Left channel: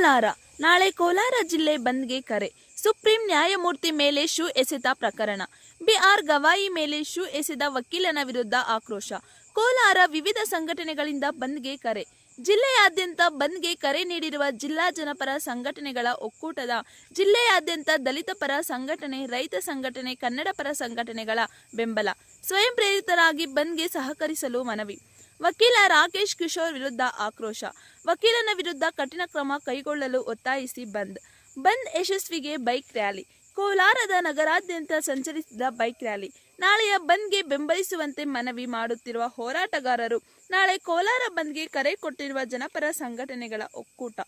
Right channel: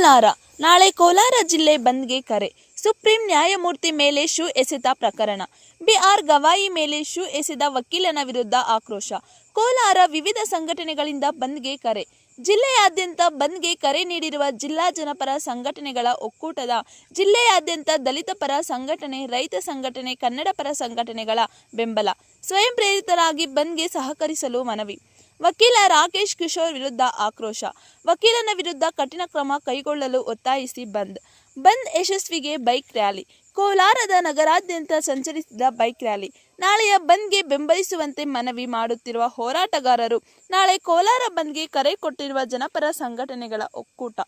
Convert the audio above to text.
ಕೋಲಾರ. ನಾಳೆ ಕೋಲಾರ ಜಿಲ್ಲೆ ಬಂದ್ಗೆ ಕರೆ. ಸುಪ್ರೀಂ ನ್ಯಾಯಮೂರ್ತಿ ಮೇಲೆ ಶೂ ಎಸೆತ ಪ್ರಕರಣ. ಬಿಆರ್ ಗವಾಯಿ ಮೇಲೆ ಶೂ ಎಸೆದ ವಕೀಲನ ವಿರುದ್ಧ ಆಕ್ರೋಶ. ಕೋಲಾರ. ವಿವಿಧ ಸಂಘಟನೆಗಳಿಂದ ಬಂದ್ಗೆ ಕರೆ. ಜಿಲ್ಲೆಯಾದ್ಯಂತ ಬಂದ್ಗೆ ಕರೆ ನೀಡಿರುವ ಜಿಲ್ಲಾ ಜನಪರ ಸಂಘಟನೆಗಳ ಒಕ್ಕೂಟದ ಜಿಲ್ಲೆಯಾದ್ಯಂತ ದಲಿತ ಪರ ಸಂಘಟನೆ, ರೈತ ಸಂಘಟನೆ, ಕನ್ನಡ ಪರ ಸಂಘಟನೆಗಳ ಬೆಂಬಲ. ಸ್ವಯಂ ಪ್ರೇರಿತರಾಗಿ ಬಂದ್ಗೆ ಸಹಕರಿಸಲು ಮನವಿ. ವಕೀಲ ರಾಕೇಶ್ ಕಿಶೋರ್ ವಿರುದ್ಧ ಆಕ್ರೋಶ. ವಕೀಲನ ವಿರುದ್ಧ ಕಠಿಣ ಕ್ರಮ ಕೈಗೊಳ್ಳಲು ಒತ್ತಾಯಿಸಿ ಬಂದ್ ಯಶಸ್ವಿಗೆ ಬೈಕ್ ರ್ಯಾಲಿ. ಕೋಲಾರದ ನಗರಾದ್ಯಂತ ಸಂಚರಿಸಿದ ಬೈಕ್ ರ್ಯಾಲಿ. ನಾಳೆಯ ಬಂದ್ಗೆ ಬೆಂಬಲಿಸುವಂತೆ ಮನವಿ ಮಾಡುತ್ತಿರುವ ಹೋರಾಟಗಾರರು ನಾಳೆ ಕೋಲಾರ ಬಂದ್ಗೆ ಕರೆ ಕೊಟ್ಟಿರುವ ಜನಪರ ಸಂಘಟನೆಗಳ ಒಕ್ಕೂಟ.